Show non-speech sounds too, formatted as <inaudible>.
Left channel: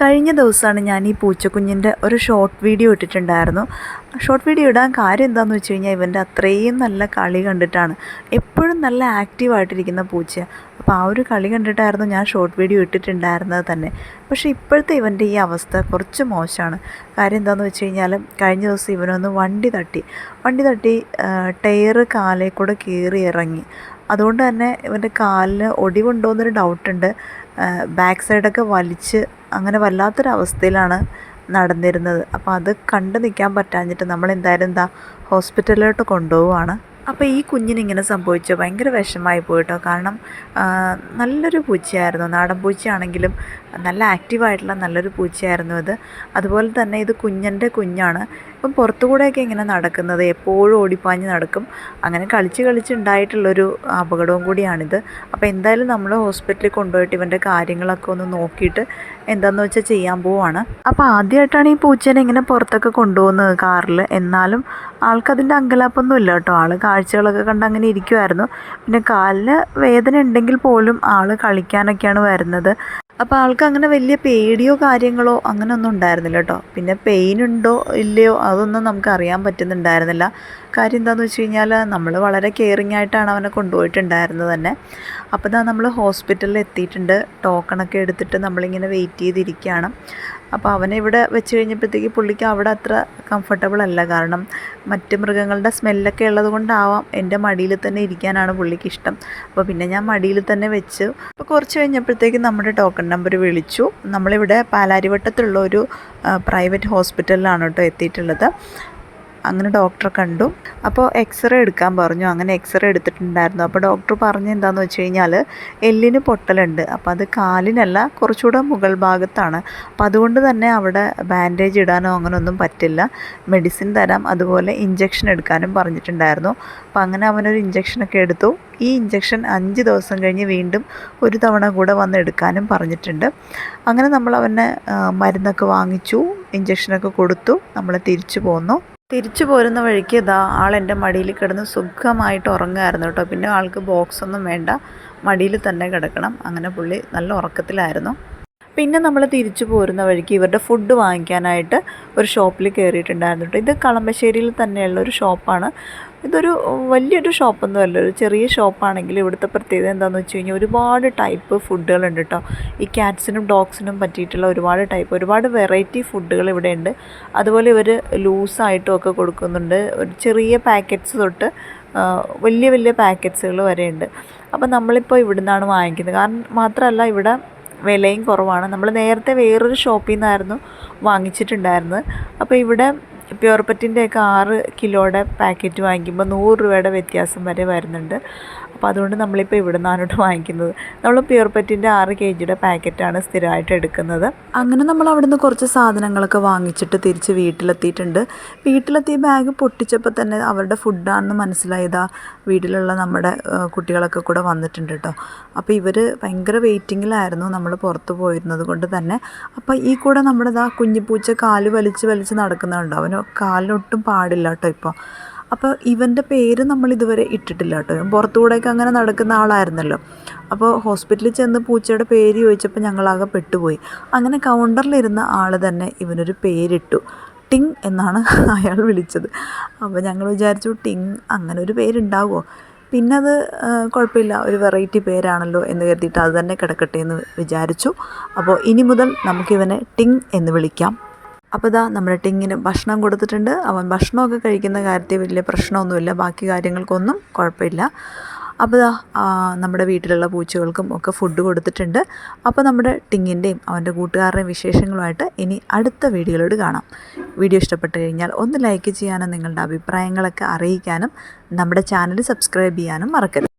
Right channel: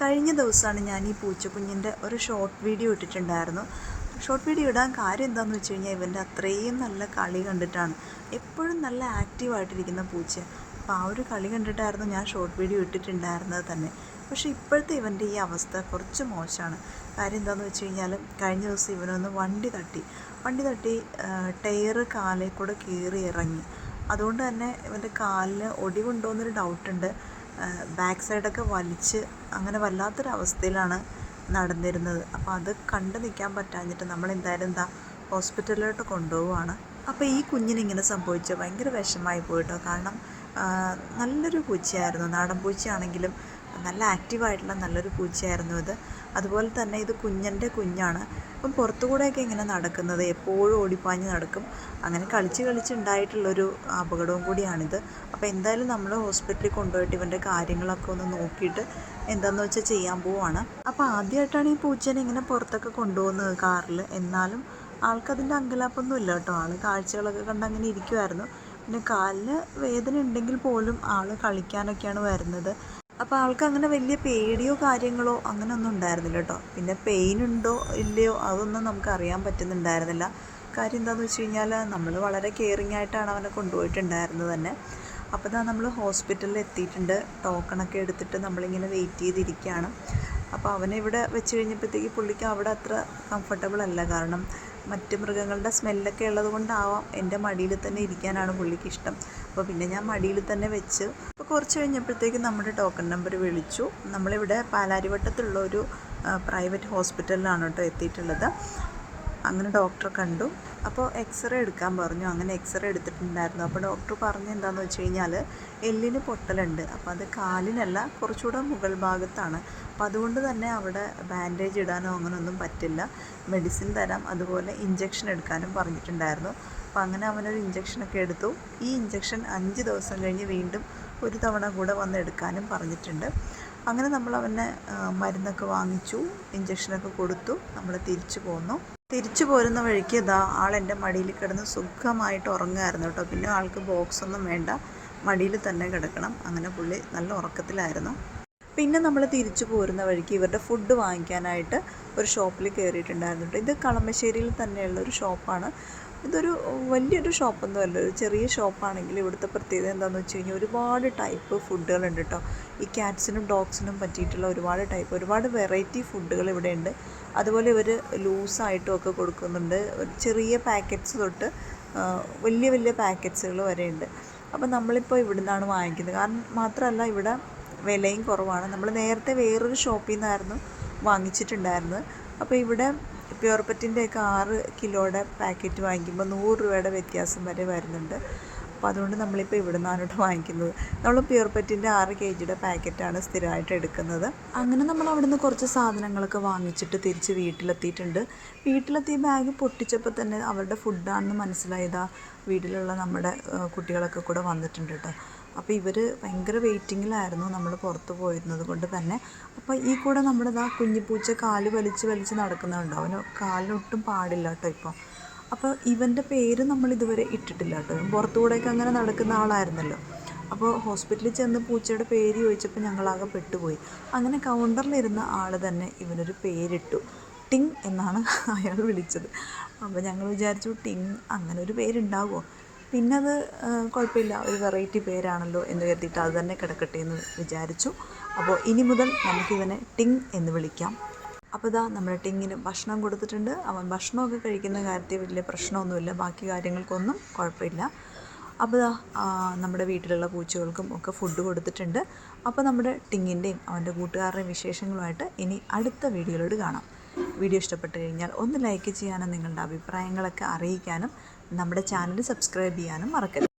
കഴിഞ്ഞ ദിവസമാണ് ഞാൻ ഈ പൂച്ചക്കുഞ്ഞിന്റെ ഒരു ഷോർട്ട് വീഡിയോ ഇട്ടിട്ടുണ്ടായിരുന്നു. ഷോർട്ട് വീഡിയോ ഇടാൻ കാര്യം എന്താണെന്ന് വെച്ച് കഴിഞ്ഞാൽ ഇവന്റെ അത്രയും നല്ല കളി കണ്ടിട്ടാണ്. എപ്പോഴും നല്ല ആക്റ്റീവായിട്ടിരിക്കുന്ന പൂച്ച അപ്പോൾ ആ ഒരു കളി കണ്ടിട്ടായിരുന്നു ഞാൻ ഷോർട്ട് വീഡിയോ ഇട്ടിട്ടുണ്ടായിരുന്നത് തന്നെ. പക്ഷേ ഇപ്പോഴത്തെ ഇവന്റെ ഈ അവസ്ഥ കുറച്ച് മോശമാണ്. കാര്യം എന്താണെന്ന് വെച്ച് കഴിഞ്ഞാൽ കഴിഞ്ഞ ദിവസം ഇവനൊന്ന് വണ്ടി തട്ടി. വണ്ടി തട്ടി ടയർ കാലേ കൂടെ കീറി ഇറങ്ങി. അതുകൊണ്ട് തന്നെ ഇവന്റെ കാലിന് ഒടിവുണ്ടോ എന്നൊരു ഡൗട്ടുണ്ട് ബാക്ക് സൈഡൊക്കെ വലിച്ച് അങ്ങനെ വല്ലാത്തൊരവസ്ഥയിലാണ് നടന്നിരുന്നത്. അപ്പോൾ അത് കണ്ടു നിൽക്കാൻ പറ്റാഞ്ഞിട്ട് നമ്മൾ എന്തായാലും എന്താ ഹോസ്പിറ്റലിലോട്ട് കൊണ്ടുപോവുകയാണ്. അപ്പോൾ ഈ കുഞ്ഞിനിങ്ങനെ സംഭവിച്ചു. ഭയങ്കര വിഷമായി പോയിട്ടോ. കാരണം നല്ലൊരു പൂച്ചയായിരുന്നു. നാടൻ പൂച്ചയാണെങ്കിലും നല്ല ആക്റ്റീവായിട്ടുള്ള നല്ലൊരു പൂച്ചയായിരുന്നു ഇത്. അതുപോലെ തന്നെ ഇത് കുഞ്ഞന്റെ കുഞ്ഞാണ്. ഇപ്പം പുറത്തുകൂടെയൊക്കെ ഇങ്ങനെ നടക്കുന്നത്. എപ്പോഴും ഓടിപ്പാഞ്ഞ് നടക്കും. അങ്ങനെ കളിച്ച് കളിച്ചുണ്ടായിട്ടുള്ളൊരു അപകടവും കൂടിയാണിത്. അപ്പോൾ എന്തായാലും നമ്മൾ ഹോസ്പിറ്റലിൽ കൊണ്ടുപോയിട്ട് ഇവന്റെ കാര്യങ്ങളൊക്കെ ഒന്ന് നോക്കിയിട്ട് എന്താണെന്ന് വെച്ചാൽ ചെയ്യാൻ പോവാണ്. അപ്പോൾ ആദ്യമായിട്ടാണ് ഈ പൂച്ചേനെ ഇങ്ങനെ പുറത്തൊക്കെ കൊണ്ടുപോകുന്നത് കാറിൽ. എന്നാലും ആൾക്കതിന്റെ അങ്കലാപ്പൊന്നും ഇല്ല കേട്ടോ. ആൾ കാഴ്ചകളൊക്കെ കണ്ട് അങ്ങനെ ഇരിക്കുമായിരുന്നു പിന്നെ കാലിന് വേദന ഉണ്ടെങ്കിൽ പോലും ആൾ കളിക്കാനൊക്കെയാണ് വരുന്നത്. അപ്പോൾ ആൾക്ക് അങ്ങനെ വലിയ പേടിയോ കാര്യങ്ങളോ അങ്ങനെ ഒന്നും ഉണ്ടായിരുന്നില്ല കേട്ടോ. പിന്നെ പെയിൻ ഉണ്ടോ ഇല്ലയോ അതൊന്നും നമുക്ക് അറിയാൻ പറ്റുന്നുണ്ടായിരുന്നില്ല. കാര്യം എന്താണെന്ന് വെച്ച് കഴിഞ്ഞാൽ നമ്മൾ വളരെ കെയറിങ് ആയിട്ടാണ് അവനെ കൊണ്ടുപോയിട്ടുണ്ടായിരുന്നത് തന്നെ. അപ്പോൾ നമ്മൾ ഹോസ്പിറ്റലിൽ എത്തിയിട്ടുണ്ട്. ടോക്കണൊക്കെ എടുത്തിട്ട് നമ്മളിങ്ങനെ വെയിറ്റ് ചെയ്തിരിക്കുകയാണ്. അപ്പോൾ അവനെ ഇവിടെ വെച്ച് കഴിഞ്ഞപ്പോഴത്തേക്ക് പുള്ളിക്ക് അവിടെ അത്ര കംഫർട്ടബിൾ അല്ല. കാരണം മറ്റ് മൃഗങ്ങളുടെ സ്മെല്ലൊക്കെ ഉള്ളത് കൊണ്ടാവാം എന്റെ മടിയിൽ തന്നെ ഇരിക്കാനാണ് പുള്ളിക്ക് ഇഷ്ടം. അപ്പോൾ പിന്നെ ഞാൻ മടിയിൽ തന്നെ വെച്ച് അപ്പോൾ കുറച്ച് കഴിഞ്ഞപ്പോഴത്തേക്ക് നമ്മുടെ ടോക്കൺ നമ്പർ വിളിച്ചു. നമ്മളിവിടെ പാലാരിവട്ടത്തുള്ള ഒരു പ്രൈവറ്റ് ഹോസ്പിറ്റലിലാണ് കേട്ടോ എത്തിയിട്ടുള്ളത്. അങ്ങനെ ഡോക്ടറെ കണ്ടു. അപ്പോൾ എക്സ്റേ എടുക്കാൻ പറഞ്ഞു. അങ്ങനെ എക്സ്റേ എടുത്തിട്ടുണ്ടായിരുന്നു. അപ്പോൾ ഡോക്ടർ പറഞ്ഞ് എന്താണെന്ന് വെച്ച് കഴിഞ്ഞാൽ എല്ലിന് പൊട്ടലുണ്ട്. അപ്പോൾ അത് കാലിനല്ല കുറച്ചുകൂടെ മുകൾ ഭാഗത്താണ്. അപ്പോൾ അതുകൊണ്ട് തന്നെ അവിടെ ബാൻഡേജ് ഇടാനോ അങ്ങനെയൊന്നും പറ്റില്ല. മെഡിസിൻ തരാം. അതുപോലെ ഇഞ്ചക്ഷൻ എടുക്കാനും പറഞ്ഞിട്ടുണ്ടായിരുന്നു. അപ്പോൾ അങ്ങനെ അവനൊരു ഇഞ്ചക്ഷനൊക്കെ എടുത്തു. ഈ ഇഞ്ചക്ഷൻ അഞ്ച് ദിവസം കഴിഞ്ഞ് വീണ്ടും ഒരു തവണ കൂടെ വന്ന് എടുക്കാനും പറഞ്ഞിട്ടുണ്ട്. അങ്ങനെ നമ്മൾ അവനെ മരുന്നൊക്കെ വാങ്ങിച്ചു. ഇഞ്ചക്ഷനൊക്കെ കൊടുത്തു. നമ്മൾ തിരിച്ചു പോന്നു. തിരിച്ചു പോരുന്ന വഴിക്ക് ഇതാ ആൾ എന്റെ മടിയിൽ കിടന്ന് സുഖമായിട്ട് ഉറങ്ങുമായിരുന്നു കേട്ടോ. പിന്നെ ആൾക്ക് ബോക്സ് ഒന്നും വേണ്ട. മടിയിൽ തന്നെ കിടക്കണം. അങ്ങനെ പുള്ളി നല്ല ഉറക്കത്തിലായിരുന്നു. പിന്നെ നമ്മൾ തിരിച്ചു പോരുന്ന വഴിക്ക് ഇവരുടെ ഫുഡ് വാങ്ങിക്കാനായിട്ട് ഒരു ഷോപ്പിൽ കയറിയിട്ടുണ്ടായിരുന്നു കേട്ടോ. ഇത് കളമ്പശ്ശേരിയിൽ തന്നെയുള്ള ഒരു ഷോപ്പാണ്. ഇതൊരു വലിയൊരു ഷോപ്പൊന്നും അല്ല ഒരു ചെറിയ ഷോപ്പാണെങ്കിൽ ഇവിടുത്തെ പ്രത്യേകത എന്താണെന്ന് വെച്ച് കഴിഞ്ഞാൽ ഒരുപാട് ടൈപ്പ് ഫുഡുകളുണ്ട് കേട്ടോ ഈ ക്യാറ്റ്സിനും ഡോഗ്സിനും പറ്റിയിട്ടുള്ള ഒരുപാട് ടൈപ്പ് ഒരുപാട് വെറൈറ്റി ഫുഡുകൾ ഇവിടെ ഉണ്ട് അതുപോലെ ഇവർ ലൂസായിട്ടും ഒക്കെ കൊടുക്കുന്നുണ്ട്. ഒരു ചെറിയ പാക്കറ്റ്സ് തൊട്ട് വലിയ വലിയ പാക്കറ്റ്സുകൾ വരെ ഉണ്ട് അപ്പോൾ നമ്മളിപ്പോൾ ഇവിടെ നിന്നാണ് വാങ്ങിക്കുന്നത്. കാരണം മാത്രമല്ല ഇവിടെ വിലയും കുറവാണ്. നമ്മൾ നേരത്തെ വേറൊരു ഷോപ്പിൽ നിന്നായിരുന്നു വാങ്ങിച്ചിട്ടുണ്ടായിരുന്നത്. അപ്പോൾ ഇവിടെ പ്യുവർപ്പറ്റിന്റെയൊക്കെ ആറ് കിലോയുടെ പാക്കറ്റ് വാങ്ങിക്കുമ്പോൾ നൂറ് രൂപയുടെ വ്യത്യാസം വരെ വരുന്നുണ്ട്. അപ്പോൾ അതുകൊണ്ട് നമ്മളിപ്പോൾ ഇവിടെ നിന്നാണ് വാങ്ങിക്കുന്നത്. നമ്മൾ പ്യൂർപെറ്റിന്റെ ആറ് കെ ജിയുടെ പാക്കറ്റാണ് സ്ഥിരമായിട്ട് എടുക്കുന്നത്. അങ്ങനെ നമ്മൾ അവിടുന്ന് കുറച്ച് സാധനങ്ങളൊക്കെ വാങ്ങിച്ചിട്ട് തിരിച്ച് വീട്ടിലെത്തിയിട്ടുണ്ട്. വീട്ടിലെത്തി ബാഗ് പൊട്ടിച്ചപ്പോൾ തന്നെ അവരുടെ ഫുഡാണെന്ന് മനസ്സിലായതാ വീട്ടിലുള്ള നമ്മുടെ കുട്ടികളൊക്കെ കൂടെ വന്നിട്ടുണ്ട് കേട്ടോ. അപ്പോൾ ഇവർ ഭയങ്കര വെയിറ്റിങ്ങിലായിരുന്നു നമ്മൾ പുറത്ത് പോയിരുന്നത് കൊണ്ട് തന്നെ. അപ്പോൾ ഈ കൂടെ നമ്മുടെ ഇതാ കുഞ്ഞിപ്പൂച്ച കാൽ വലിച്ച് വലിച്ച് നടക്കുന്നുണ്ട്. അവന് കാലിനൊട്ടും പാടില്ല കേട്ടോ ഇപ്പോൾ. അപ്പോൾ ഇവന്റെ പേര് നമ്മൾ ഇതുവരെ ഇട്ടിട്ടില്ല കേട്ടോ. പുറത്തുകൂടെയൊക്കെ അങ്ങനെ നടക്കുന്ന ആളായിരുന്നല്ലോ. അപ്പോൾ ഹോസ്പിറ്റലിൽ ചെന്ന് പൂച്ചയുടെ പേര് ചോദിച്ചപ്പോൾ ഞങ്ങളാകെ പെട്ടുപോയി. അങ്ങനെ കൗണ്ടറിലിരുന്ന ആൾ തന്നെ ഇവനൊരു പേരിട്ടു. ടിങ് എന്നാണ് <laughs> അയാൾ വിളിച്ചത്. അപ്പോൾ ഞങ്ങൾ വിചാരിച്ചു ടിങ് അങ്ങനെ ഒരു പേരുണ്ടാവുമോ പിന്നെ അത് കുഴപ്പമില്ല. ഒരു വെറൈറ്റി പേരാണല്ലോ എന്ന് കരുതിയിട്ട് അത് തന്നെ കിടക്കട്ടെ എന്ന് വിചാരിച്ചു. അപ്പോൾ ഇനി മുതൽ നമുക്കിവനെ ടിങ് എന്ന് വിളിക്കാം. അപ്പോൾ ഇതാ നമ്മുടെ ടിങ്ങിന് ഭക്ഷണം കൊടുത്തിട്ടുണ്ട്. അവൻ ഭക്ഷണമൊക്കെ കഴിക്കുന്ന കാര്യത്തിൽ വലിയ പ്രശ്നമൊന്നുമില്ല. ബാക്കി കാര്യങ്ങൾക്കൊന്നും കുഴപ്പമില്ല. അപ്പോൾ ഇതാ നമ്മുടെ വീട്ടിലുള്ള പൂച്ചകൾക്കും ഒക്കെ ഫുഡ് കൊടുത്തിട്ടുണ്ട്. അപ്പോൾ നമ്മുടെ ടിങ്ങിന്റെയും അവന്റെ കൂട്ടുകാരുടെയും വിശേഷങ്ങളുമായിട്ട് ഇനി അടുത്ത വീഡിയോയിലോട് കാണാം. വീഡിയോ ഇഷ്ടപ്പെട്ട് കഴിഞ്ഞാൽ ഒന്ന് ലൈക്ക് ചെയ്യാനും നിങ്ങളുടെ അഭിപ്രായങ്ങളൊക്കെ അറിയിക്കാനും നമ്മുടെ ചാനൽ സബ്സ്ക്രൈബ് ചെയ്യാനും മറക്കരുത്.